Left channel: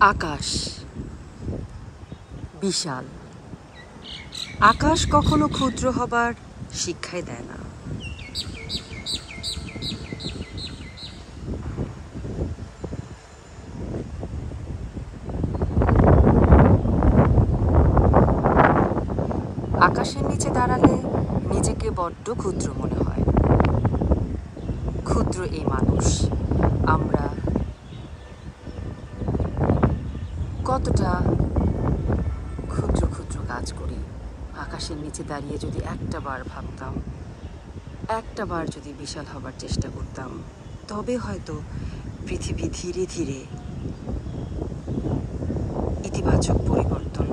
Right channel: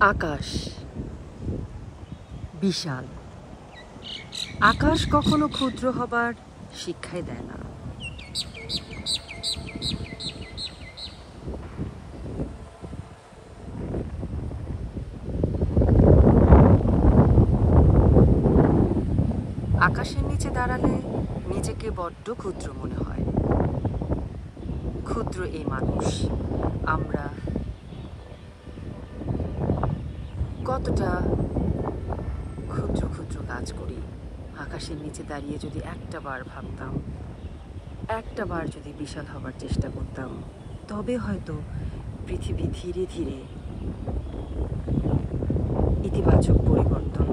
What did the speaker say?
আকাশ বিশাল। আকাশ কখনো ক্ষুদ্র হবার শিক্ষাই দেয় না। আকাশের নিচে দাঁড়ালে নিজেকে বড্ড ক্ষুদ্র মনে হয়। ক্ষুদ্র এই মানুষ, আমরা কতটা ক্ষুদ্র ক্ষুদ্র কাজ করি। আকাশের নিচে দাঁড়িয়ে যদি একটা বার ভাবতাম, একটা বার যদি বিশাল হবার চেষ্টা করতাম, তবে হয়তো পৃথিবী ধীরে ধীরে ইতিবাচক পরিবর্তন